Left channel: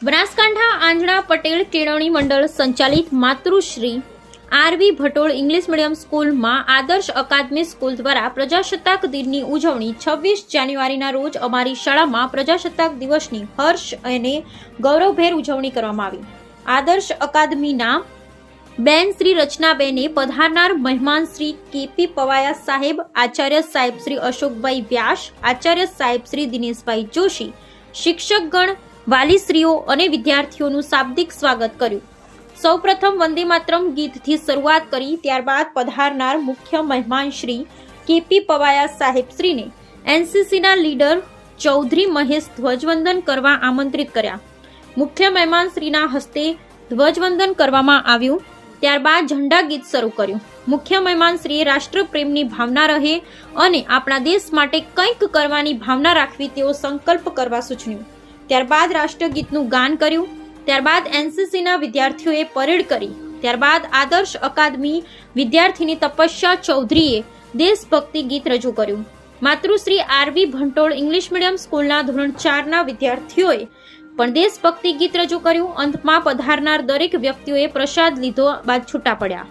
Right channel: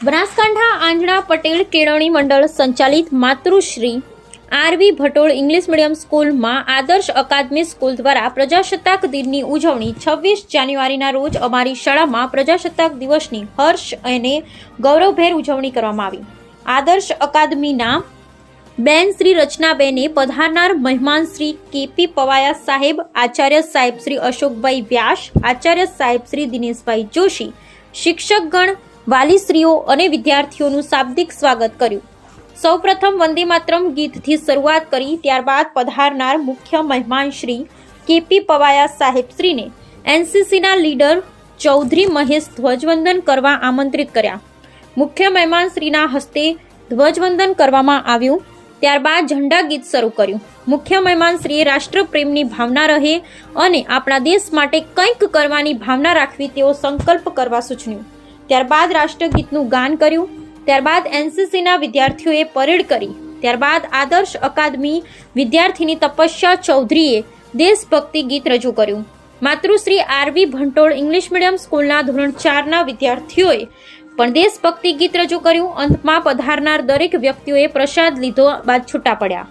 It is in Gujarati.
બનાસકાંઠા આંજણા પટેલ કેળવણી મંડળ સંચાલિત માતૃશ્રી આરવી ભટોળ ઇંગ્લિશ મીડિયમ સ્કૂલમાં આદર્શ અકાદમી સ્કૂલ દ્વારા પ્રજાસત્તાક દિનની ઉજવણી 26 જાન્યુઆરીના રોજ અમારી શાળામાં પ્રજાસત્તાક દિવસની હર્ષ અને ગૌરવભેર ઉજવણી કરવામાં આવી। આદર્શ અકાદમીના બેન શ્રી રચનાબેને પધારનાર મહેમાન શ્રી કેપી પવાયા સાહેબ, આચાર્ય સાહેબ શ્રી અશોકભાઈ વ્યાસ, આચાર્ય સાહેબ શ્રી દિનેશભાઈ જોશી, શિક્ષકગણ, વાલીશ્રીઓ અને વિદ્યાર્થીઓનું શાબ્દિક સ્વાગત કર્યું। સૌપ્રથમ વંદે માતરમ ગીતથી શરૂઆત કરી, ત્યારબાદ પધારનાર મુખ્ય મહેમાન શ્રી કેપી પવાયા સાહેબ શ્રીને એનસીસીના લીડર ચૌધરી મહેશ ધ્વજવંદન કરવા આમંત્રિત કર્યા। મુખ્ય મહેમાન શ્રીના હસ્તે ધ્વજવંદન કરવામાં આવ્યું। ત્યારબાદ ઝંડા ગીત શરૂ કર્યું। મુખ્ય મહેમાન શ્રીએ રાષ્ટ્રપ્રેમની ભાવના રહે અને આપણા દેશ માટે કંઈક કરવાની ભાવના રાખવી તેવો સંકલ્પ કરવા સૂચવ્યું। ત્યારબાદ રાષ્ટ્રગીતનું ગાન કર્યું। ત્યારબાદ એનસીસીના વિદ્યાર્થીઓએ પરેડ કરી। ત્યારબાદ આદર્શ અકાદમી વિદ્યાર્થીની તપસ્યા ચૌધરીએ દેશભક્તિ ગીત રજૂ કર્યું। માતૃશ્રી આરવી ભટોળ ઇંગ્લિશ મીડિયમ સ્કૂલના ધોરણ 4ના વિદ્યાર્થીઓએ પણ દેશભક્તિ ગીત રજૂ કર્યું। અંતમાં પધારનાર દરેક વ્યક્તિઓએ પ્રસાદ લીધો બાદ છૂટા પડ્યા।